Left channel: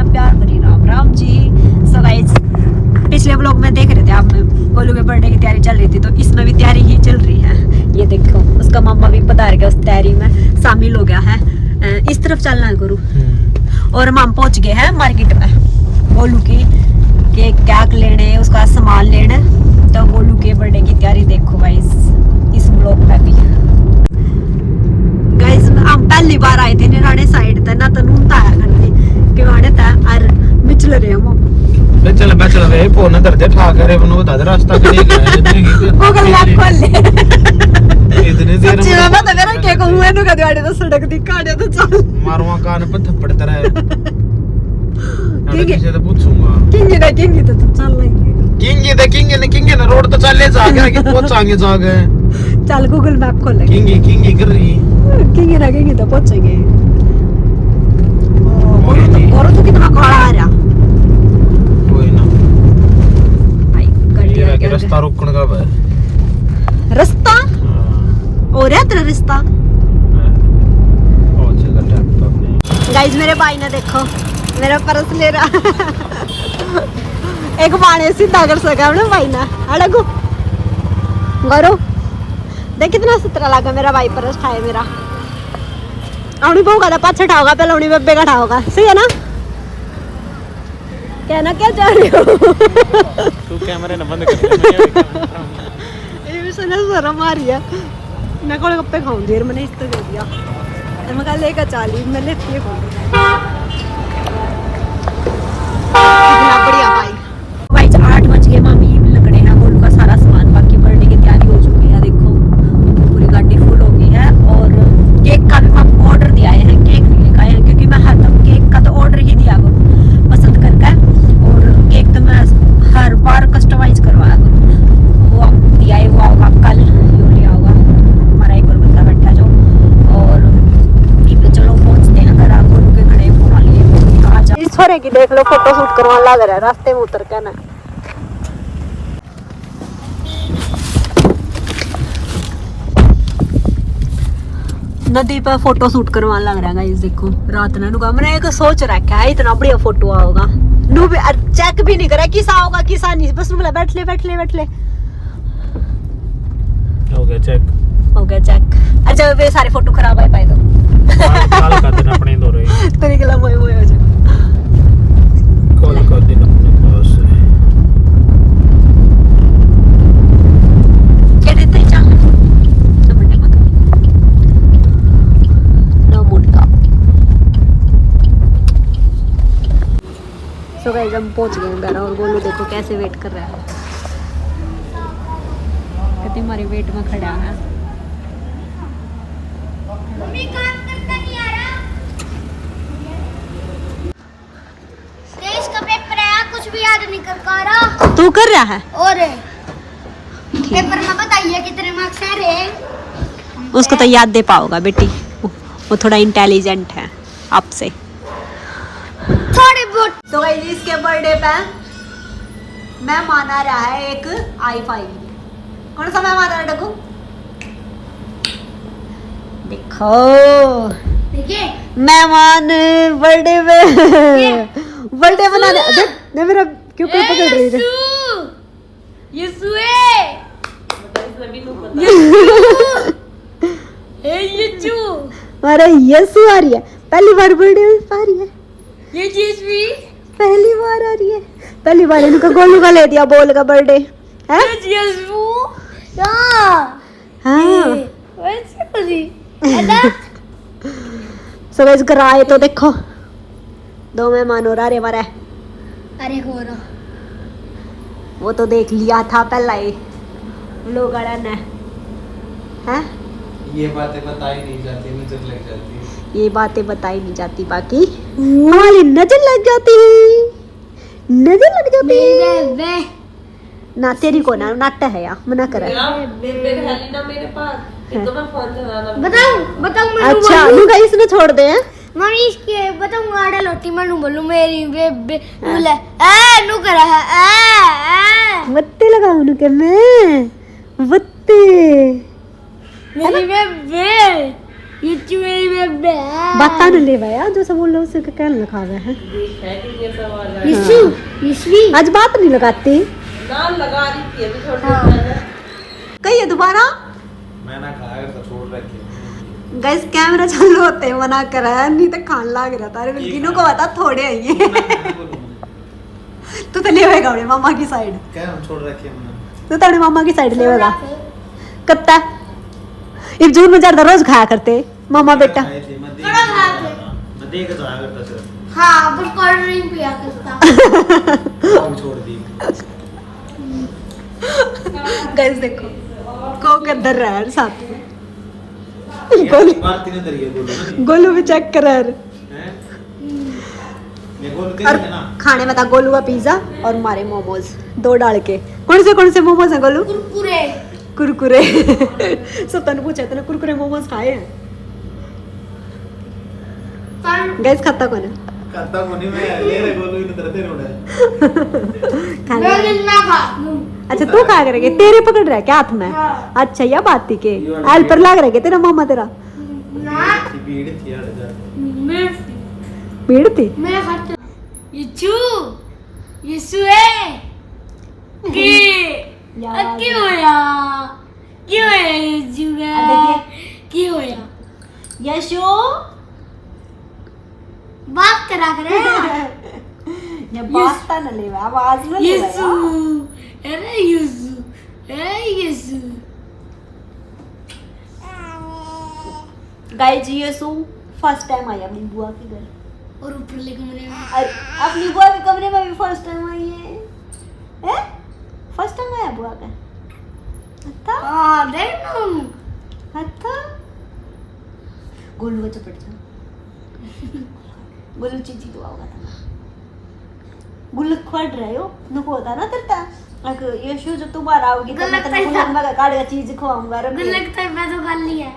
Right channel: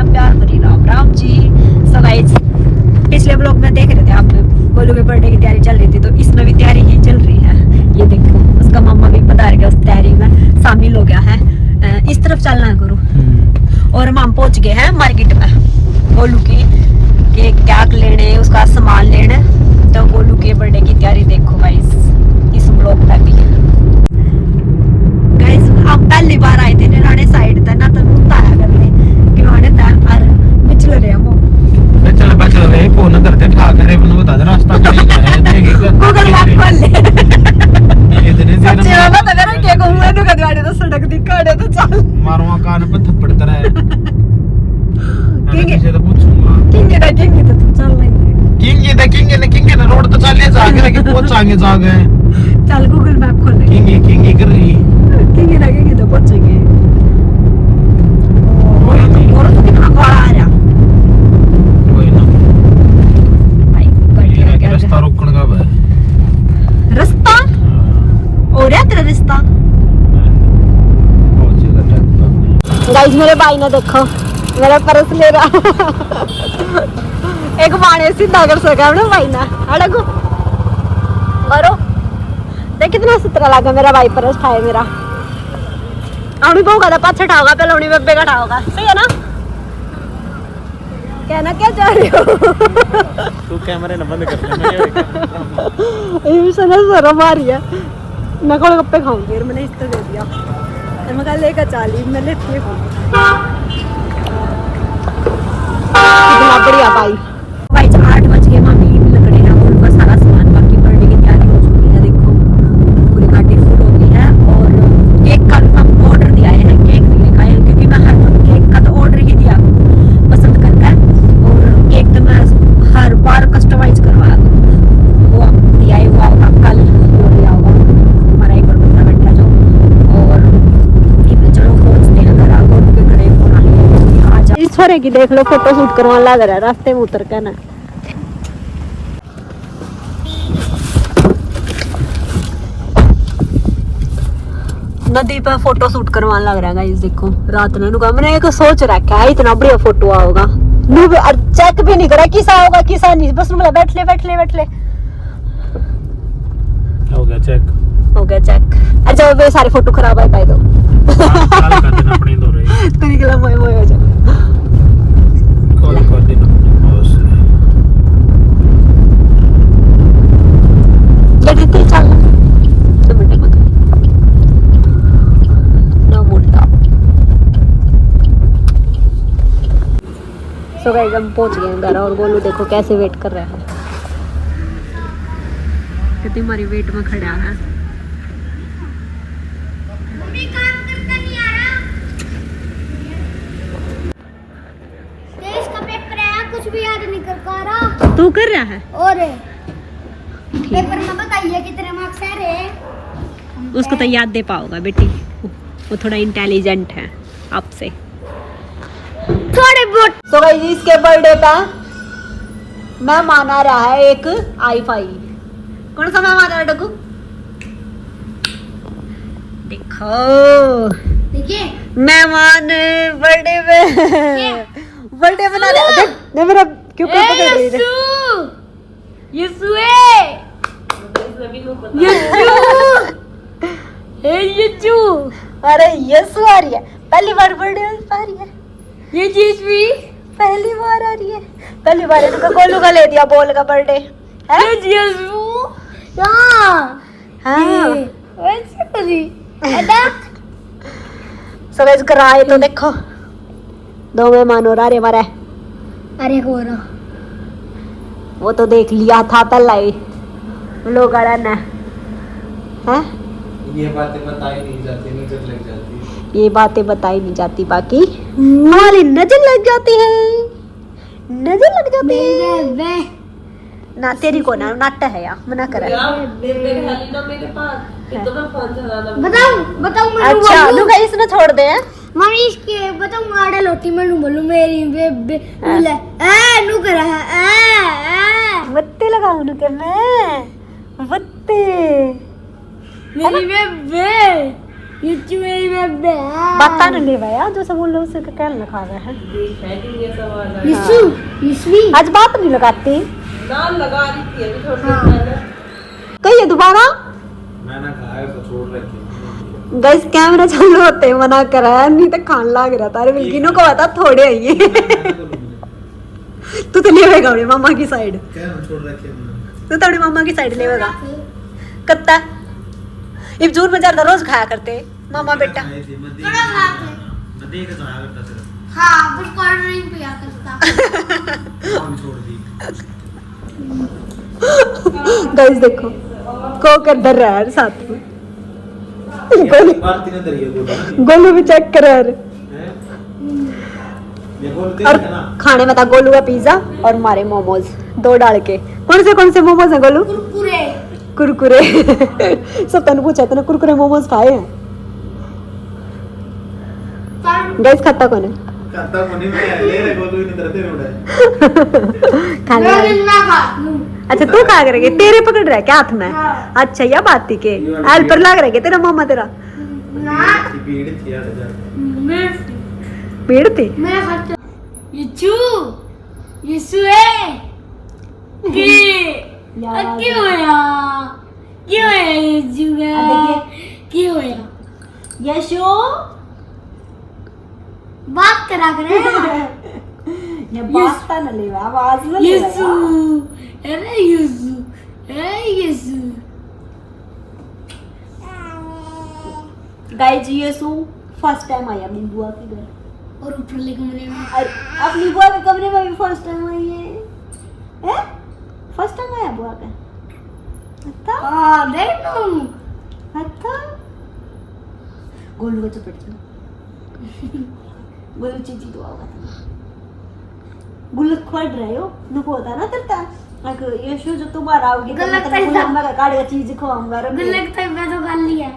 ना प्यार भरी राम राम जी। सो गाइस पिछले ब्लॉग में देख रहे थे आप, गोलू के बर्थडे की तैयारी चल रही थी, तो इसमें भी तैयारी ही चल रही है। ये देखो उसका मामा भी पधार गया, उस तैयारी में शामिल हो गया है। इस तरफ चलना है गुरु। और हम पहुंच गए हैं मार्केट में गोलू की के क्या लेने, उसका सामान लेने। तो गोलू के बर्थडे की तैयारी देखो गाइस इस ब्लॉग में भी। गाइस हम पहली बार आए थे निराने साइड तक ना, तो नूता आया करते कि वाने ता और बिचल रहे हम चल बचल रे फोन करते ठाक रे बनो बता दे रास्ता कहीं गया वो कल बात खोल ले इतने देर सच्ची में बता कर के को हुए नु कदवाड़े तो सड़क दिखाड़े तो चल मारूंगा कान पे थप्पड़ तेरा किंग से तो पूछूंगा किंग तो तू चल नहीं किंग ने रोड तो चले जाके कि पहुंचाएंगे जाके चल गूगल मैप खोल ले किंग कर रही किंग तो पहुंचेंगे। और तो कितना काला आ रहा कोई ना भाई गड्डियां क्या रास्ता रोकने का है रास्ता और है तेरा रास्ता। गाइस मेरे भाई ने देखो मेरा पर्स ले रहा एक बाणे सीधा कर सका अपने भाई ना अड़गो गरो देख कितना सुथरा लगा मेरा भाई पर्स खाए मेरा आउनी को का पाछे ठाओगा पहले उनी बब्बे का ठाओगा सही है ना। कहना क्या चाह रही हो तू कैमरे न बंद कर ले मैं ये भी सना जरा मारी है मैं कोले गप्पे खाऊंगी यार मैंने इस तो दे दिया और मैं कल लेकर चाली मैं लेती है कितना बढ़िया भाई 8 बज गए मम्मी लकड़े हैं और उनका सारा सामान बाकी बर्थडे की तैयारी हो चुकी है। देखो पूरी गाड़ी फुल हो गई है और केक का भी हम ऑर्डर दिया है, केक नहीं लेकर आए क्योंकि मैं हर दम केक का तो ऑर्डर ही दिया पसंद करके और केक तो मैं हर बार कस्टमाइज करवा वो दिया है वो होगा कल वो लिया होगा हमारा एक और बंदा बैठा जो और चलो पहुंचते हैं घर आकर उनके घड़े फोन आ लिए आ जा इस छोरे की देख लो फोटो शूट करने लग रहा है रास्ते में उतर के ना। नदी पर फोटो शूट करवाने लग रहा है गाइस देखो रात ने नुका मैंने एक सोच रखा है इतना बढ़िया फोटो आओगा नु भी चेक भी नहीं करा किसा होगा किसा नहीं बस बोला बैठ ले हो गया चेक अच्छा वे सारे फोटो खराब है पाए दो कर देना अपने दो रे तेरे के लिए मोए हो जा कॉल कर देना बस क्या देते चल तो मिनट मत ना मुंडा। सो गाइस हम पहुंच गए घर और गोलू देखो कैसे वेट कर रहा है कितनी हमारी वेट में खड़ा है। मम्मी काम करता नहीं आ रहा इसका पेपर है कुछ भी याद नहीं कर पा रहा तू कर रहा है और पेपर में बताइए कितने मार्क्स है रे उसको तो याद दे पाओगा बेटी वो थोड़ा इंटेलिजेंट है आपसे थोड़े बहुत। तो गाइस इसके बर्थडे पे मेहमान आ रहा है एक i5 कौन सा मेहमान आ रहा है डकू देखो देखिए मेहमान बर्थडे में बर्थडे मना रहे देख ने मेरा क्यों पकड़ रही है यीशु अरे यीशु आ रही है पहली बार बर्थडे आ रही है ये चीज भी पहली बार आ रही है पहली बार उनका गोलू का ले दिया बोल का बर्थडे है हाँ सो गाइस घर आए तो देखो दो मेहमान और आ रहे हमारे अरे हो रहा वो तो देख लिया था पहला ही लोग आ रहा है ये बातें बताई नहीं जाती नजर लग जाती है ये बातें बताई नहीं जाती बाकी हमारी नजर लग जाती है नजर लग जाती है ना तेरी को ना नाटक है यार मना कर बताऊं मैं अच्छा नु गाइस ने छोड़ दे मम्मी इसके बताऊं आड़ा लोटी मैं बोलूं मेरी बे बोले ए नु करा है ए बत्ती लगा उनु के मैं बत्ती मेरी बे यीशु मेरी बेबे बता न ले भैया जो सब बोल रहे उसे क्या लिखा हुआ है यीशु यीशु आज बात नहीं लगाती नाम लगा रही थी अभी थोड़ी देर पहले। कहिए दोबारा मैं ना खाया तो छोड़ रखे गैस कैमरा चालू होते ही मना करा है नहीं तो खान लाग रहा था अरे बिल्किनों को बता थोड़े आइए तू तो ले आएगा अपने मामा की साइड क्या हम छोड़ रखे हमने तू तो अपने मामा की साइड ले आएगा कत्ता ये जोर में ज्यादा रोज खाया करते मामा बेटा खाए थे, मैं देख थोड़ा खा के। मैं देख के तो आया करता सिर्फ हाँ बस कोल्ड ड्रिंक पिया करता वो भी छोड़ दी गैस देखो को कर रहा है साथ में ये बात तीनों तरीके बोला ना गोलू भी चेक कर रहा है हैं? ये बोलते और हैं ना खाने में था गोलू का पिज्जा और हमारे मोमोज 2 डाल के कौन से मोमोज हैं गोलू कुरकुरे कुरकुरे सब तने पूछा तने कुरकुरे मोमोज खाए हैं पर गैस खाता कौन है खाता मनी में ले रे गोलू इन्हें डरते रोड़ा है खाने मैं वाले। ना खा अच्छा तू खा करेंगे तेरे पकड़ रहा है क्या हाथ में हाँ। अच्छा या बात थी के हेल्पर लग रहा है तेरा मामा तेरा ना भीड़ थी यार इधर मैं भीड़ थी मैं खाता यीशु यीशु है कि क्यों होया यीशु है क्यों होया यशो बात करा करे ये बात न ले आवाज न ले यीशु अरे Yishu Yishu guys Yishu first time आई अपनी बुआ के घर और ऊपर ले कमरे में और अपनी बुआ के कमरे में भी फर्स्ट टाइम आई है फर्स्ट टाइम आया बुआ का अच्छा हाँ देख तुम अच्छा गोलू को चपट जाओ गोलू चीची तो आवा था गुल्लक खोल रहे हो नुको होता ना तेरा अगर ये शो जब तुम्हारा आओगे तो मैं गुल्लक तेरे को पैसा। लंबा का काट का चीज खवाऊंगा रख ले। गुल्लक तो मैं तो कर लिया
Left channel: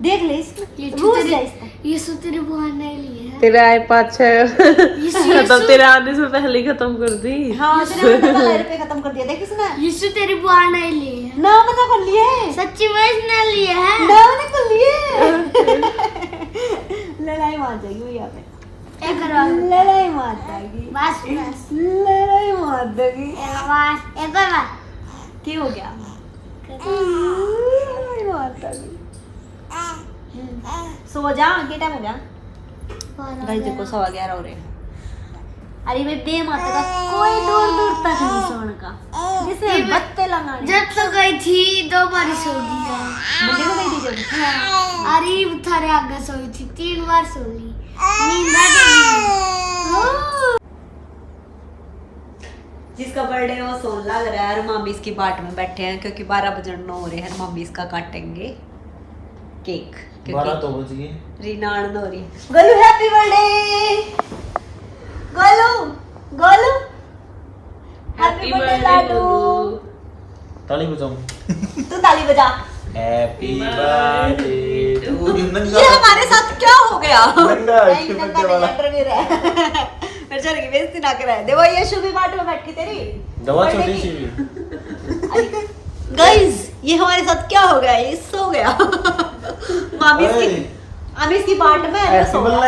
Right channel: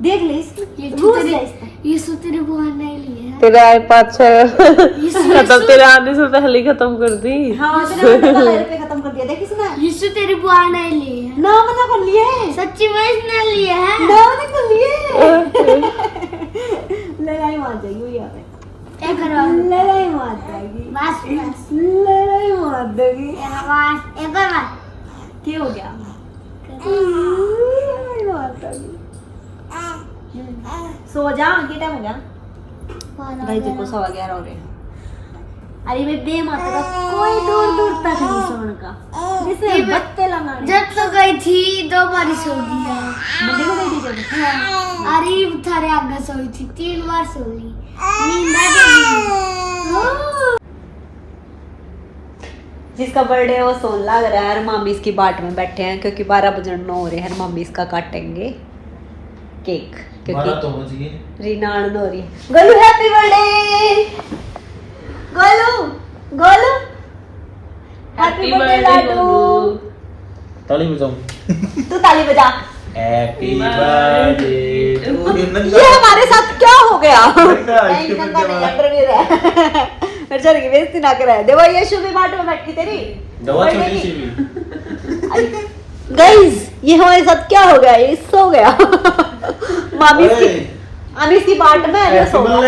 देख ले इसको रूस है इसका यीशु तेरी बुआ ने लिया है तेरे iPad से यीशु खत्म तेरे आने से पहले ही खत्म कर दी। हाँ तेरे वाले पे खत्म कर दिया देख इसने यीशु तेरी बुआ ने लिए है नाम ना कर लिए सच्ची में इसने लिए है नाम ना कर लिए लड़ाई मार जाएगी यहाँ पे एक करवा लड़ाई मार जाएगी बस बस लड़ाई मार देगी बस एक बार क्या हो गया लड़ाई मार देगी सो जा क्या टाइम हो गया भाई देखो 11:15 हो रहे हैं अरे भाई बे माता का कोई दूर तक नहीं सोने का जिसने बत्ते लगाने जब तो गई थी 2 बार सो गया मंदिर में गई थी जब अरे थारे आगे सोई थी 3 बार सो ली नींद आ गई जिसका बर्थडे वो सोन लग रहा है मामी इसकी बाट में बैठे हैं क्योंकि 12 बजे 9 हो रहे हैं मामी इसका काटेंगे केक क्योंकि तो मुझे रीना आनंद हो रही है Golu happy birthday Golu Golu happy birthday Ladoo ताली बजाऊं तू ताली बजा हैप्पी बर्थडे टू ये हमारे साथ क्या हो गया नहीं नंगा नहीं अंडरवियर है मेरे चल की बेइज्जती ना करे देखो ये शुभी बाट में बैठी तेरी दवा छोटी सी भी गाइस ये हमारे साथ क्या हो गया ये सो गया मामी इसकी बाट में ये सो गया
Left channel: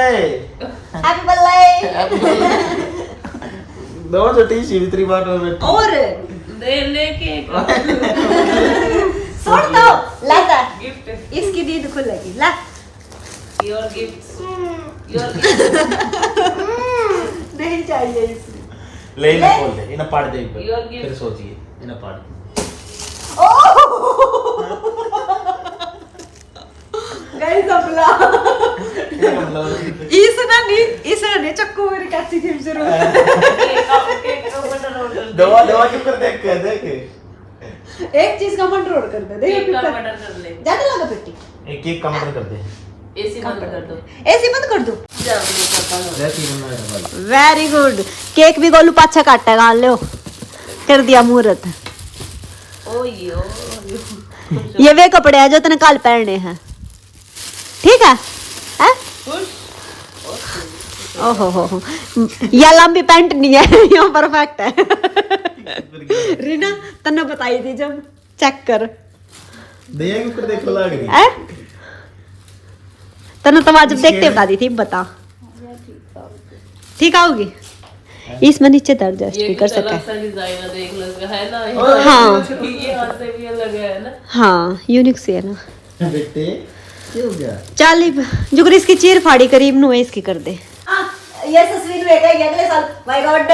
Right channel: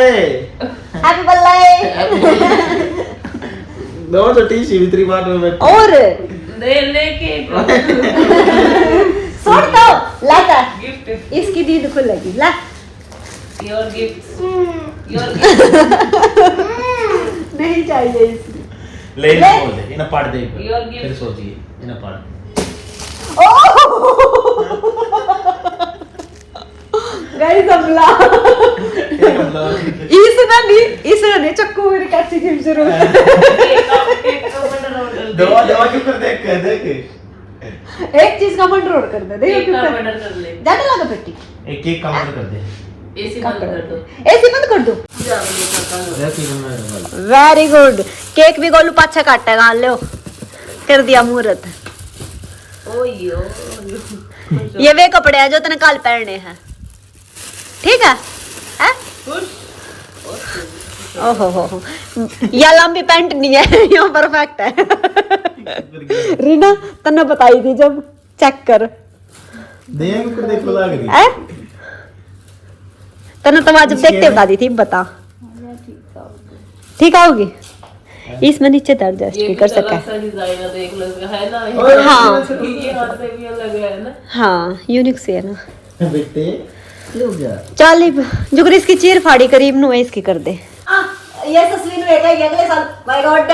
हैप्पी बर्थडे दवा छोटी सी भी तेरी बात में बैठी और दे लेके छोड़ दो लाता गिफ्ट इसकी दीद खुलेगी ला योर गिफ्ट योर नहीं चाहिए इसकी ले ले। बोल दे इन्हें पढ़ दे Your gift. फिर सोचिए इन्हें पढ़ गाइस हमला इसने नहीं चक्कू मेरे कैसी गेम से रोज दवा दवा क्यों कर देख के देख एक चीज का कंट्रोल कर दे केक का ऑर्डर कर ले जाने लगा बेटी एक केक काउंटर कर दे एसी बंद कर दो ऐसे बंद कर दो देख ही बनना है भाई वेरी गुड केक भी गोलू पाछा काटेगा लो कर दिया मुहूर्त ओयो ये वे कपड़े हैं जो तने कल पहनने हैं ठीक है हैं? ओहो हो ये लंबी पैंट नहीं है ये परफेक्ट है रीना तन्ने बताई थी जब चेक कर देख ऊपर देख लग रही है तनु तुम आज देखते बता दी थी बता ठीक आओगी इसमें नीचे दर्द ये भी कर सकता अलग सा डिजाइन है, देख लो इसका, है ना? हाँ। ये हाथ से भी अलग है ना? हाँ यूनिक से है ना बेटे ये हो गया चल जो इसकी चीर फाड़ी करीब नु है इसकी कर दे ये तस्वीर में है अगले साल माय गॉड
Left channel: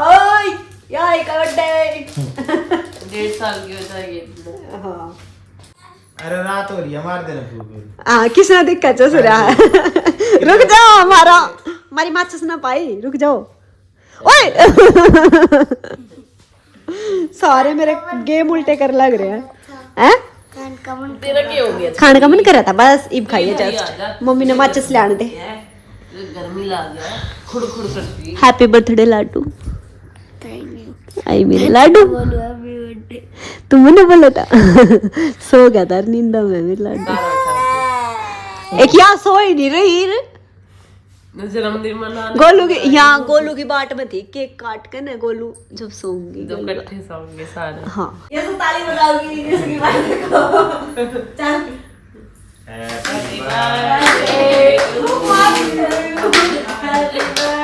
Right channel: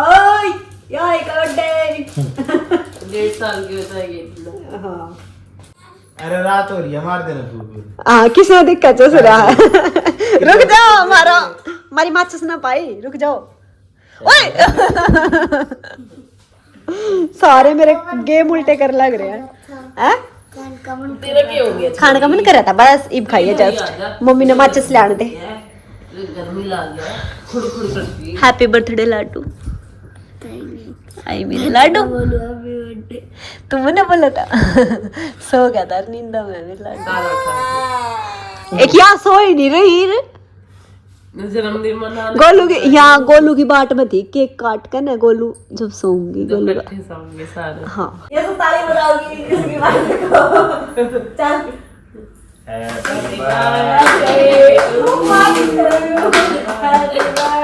ओए या माय गॉड 1.5 साल की होता है ये। हां अरे रात हो रही है मार देना फूल हाँ किसने दिक्कत हो रहा है रुक जाओ हमारी माचिस ना पाई रुक जाओ ओए सारे मेरे गेम उल्टे कर लग रहे हैं हैं तेरा क्या हो गया? खाने का मन कर रहा था बस इब खाइए जस्ट मम्मी ने माचिस ले आने दे गर्मी लग गया, खुड़ करती है। हैप्पी बर्थडे लाडू आई मेरे लाडू तुमने ना बोला था सो गया था नींद में मेरे लाडू एक यहाँ सो ही नहीं रही जन्मदिन मना गोलू की यहाँ गोलू की बाट में थी केक काट कर ना गोलू जब सोऊंगी दो गोलू का इकट्ठे सोंगे सारे। हाँ ये तो ताली बजाओगी इसकी बात को चल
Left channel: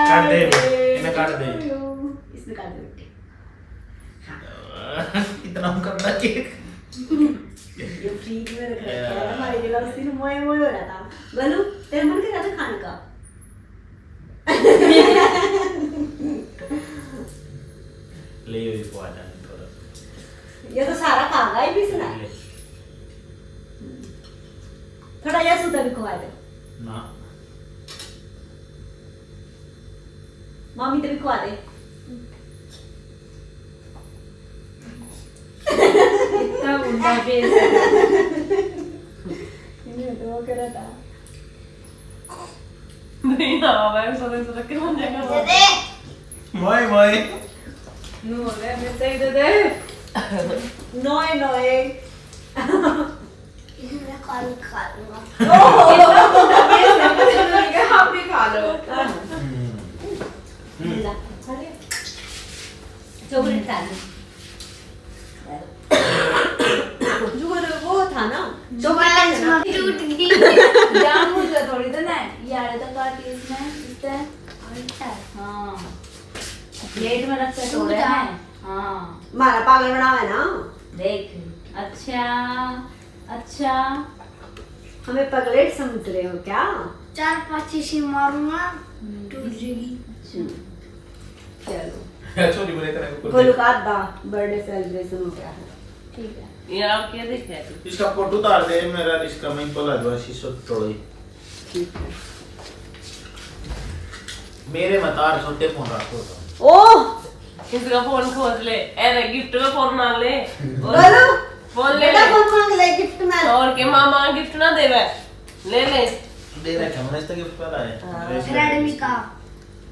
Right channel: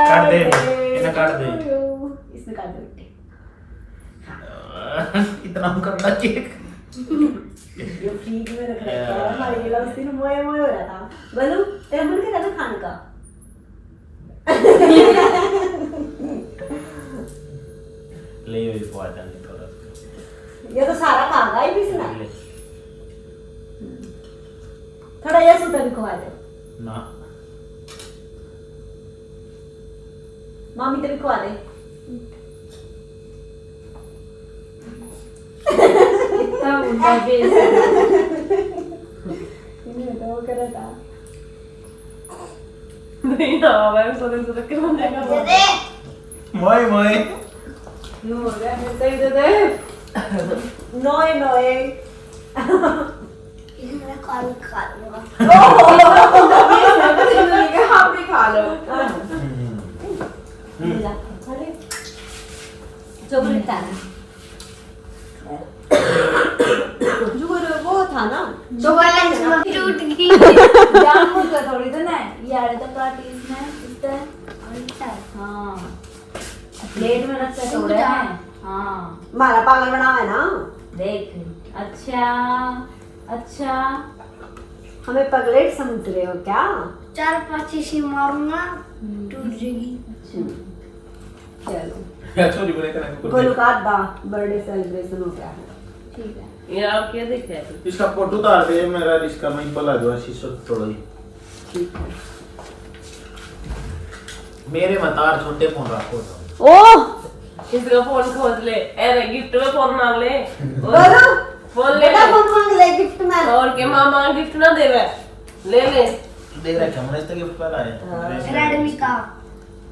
काट दे इन्हें काट दे इसमें काट दे बेटे इतना हम करना केक ये फ्रीज में रख रखा है हमारे लिए लस्सी में मोए मोए हो रहा था गोलू तेरे मन कर रहा था खाने का ले इसको आ जाने थोड़ा ये तो सारा खागा ही भी सुना थोड़ा ये सुता भी खवा दे ना मामी तो भी खवा दे इतना मुंडा बेस इन्हें तो वो कर रहा था नहीं हाँ मैं सोच के मन जाएगा मोए मोए नो हो गया मिलते ही दे दे नोए नोए कॉल करूंगा आप भी खा लो। चॉकलेट था ना वो था ना चॉकलेट में टूट गई जामुन का थोड़ी तो ना यार तो काटी इसमें इतना उल्टा हाँ प्लेट में रख के तोड़े हैं हाँ मारा पागल बना है ना देख अच्छा अच्छा हमें पगलेट समझ रहे हो क्या 4-5 शीशी मारूंगा टूट जाएगी चलो छोटी बोले इतना गोलू का आधा बर्थडे सेलिब्रेशन हो गया है ठीक है ये आप क्या देखे? इसका फोटो उतार दे मेरा इसका मैं पला दो शीशो थोड़ा ही ठीक है मेरे मतार छोटे फोन रखो तो ओह इसका फोन खोज ले, अरे गिफ्ट में फोन मांग ले। बोलो फोन ले बेटा फोन मांग ले गिफ्ट में और के मामा गिफ्ट ना देवे ले ले। दे रखा हमने इसका गिफ्ट पला है रेडमी का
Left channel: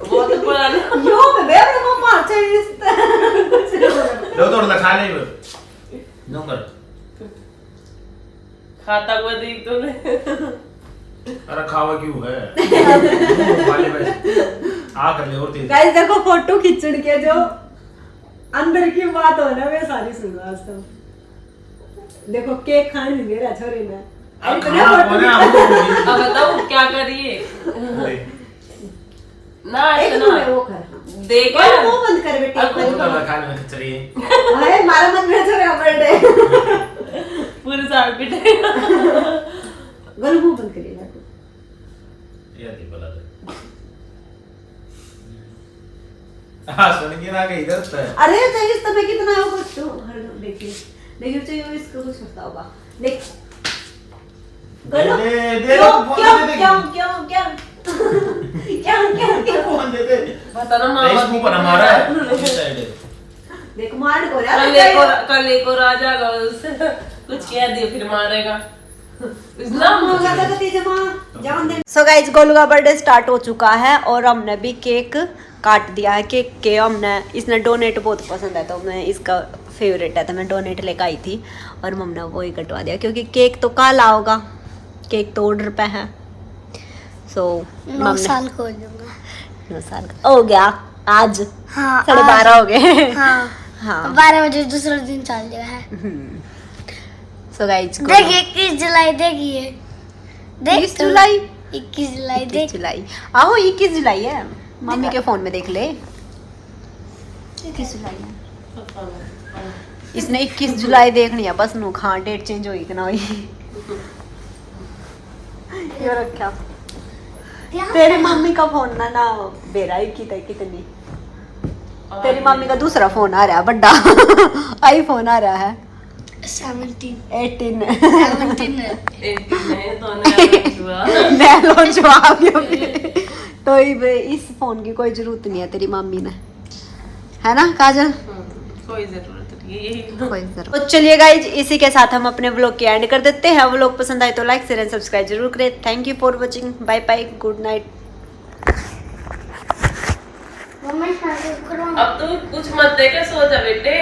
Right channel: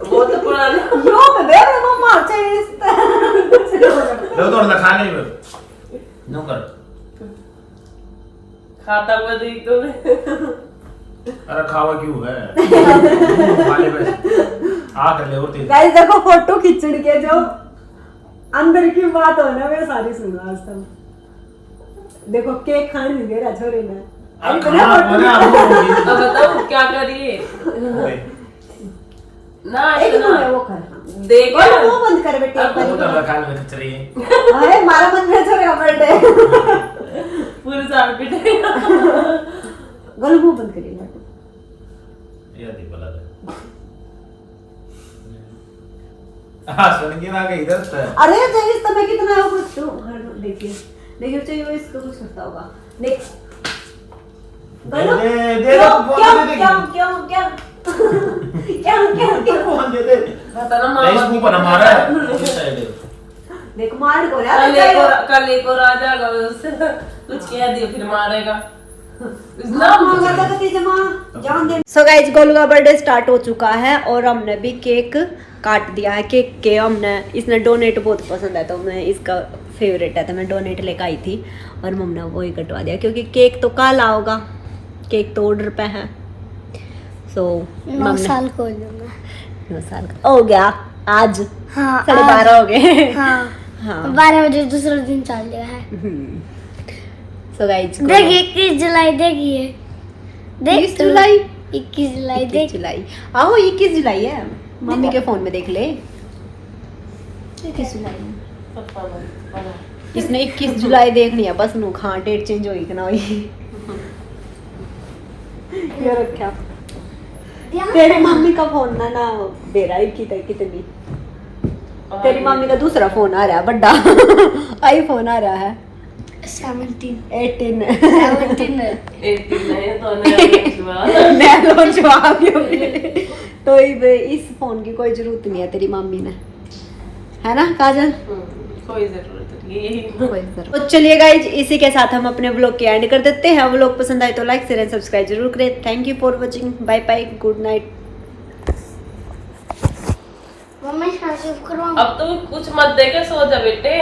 वो तो पुराना यो बे बे मम्मा चाहिए लो तोड़ ना खा ले नो कर खाता हुआ दी तो अरे खावा क्यों है वाले में आ कर ले और तेज गाइस देखो फोटो खींचड़ के जो अंदर की बात हो ना वे सारी सुनो आज तक देखो केक खाने नहीं दे रहा छोरे ने अब खाना बोला अब बताओ क्या करिए ना एक इतना तो वो कर देखो बोलो मुंह बंद कर बेटे एक वो बारी तो खा ले चलिए हाय मारा मन में छोरे बर्थडे पूरे साल पिटे गोलू मुंह बंद करिए ये दी पला दे हां सुन के ना के इधर से अरे चाहिए तो मैं कितना है कुछ तो देखिए देखिए चाहिए इसको कुछ होता होगा देख गोलू दे क्यों फोन क्यों दे क्यों क्यों क्यों क्या क्या फोन दे दे पता ना नहीं मामा इसको पर हमारा है इस साइड देख मार को यार कल एक और आ जाएगा उससे कुछ कह दिए फिर मारेगा सो गाइस गोलू का बर्थडे स्टार्ट हो चुका है और हमने भी केक काट दिया है केक के हमने इसने डोनेट बहुत पसंद है तो मैं इसका फेवरेट है तो मैं डोनेट लेकर आई थी और मम्मी ने वही कटवा दिया क्योंकि केक तो काला होगा केक तो ऑर्डर पे है सो 9 साल को हो जाऊंगा 9 साल का हो गया आज हाँ 12:30 हो गए हाँ हाँ 12 बजे दूसरा दिन चल गया है सो गाइस देखिए 21 जुलाई देखिए 21 जुलाई 21 जुलाई 21 देख जुलाई आहो 21 जुलाई है मम्मी के फोन में देख ले 21 जुलाई है इसने 21 जुलाई देखनी है बस नु हाँ डेट चेंज होई कि ना होई ये रखा तेरी मम्मी का फोन ना बेरा ही कितनी तेरी मम्मी का दूसरा फोन आ रहा है बड़ा आईफोन आ रहा है 17 18 एक दिन नहीं तो मैं लॉन्च हुआ तो इस फोन की कोई जरूरत नहीं है तेरी मम्मी ने है ना काजल कोई जरूरत नहीं। कोई जरूरत तो चलिए गाइज इसी के साथ हम अपने व्लॉग के एंड कर देते हैं व्लॉग पसंद आए तो लाइक शेयर एंड सब्सक्राइब जरूर करें thank you for watching bye bye good night अब तुम कुछ मत देके सो जा बेटे।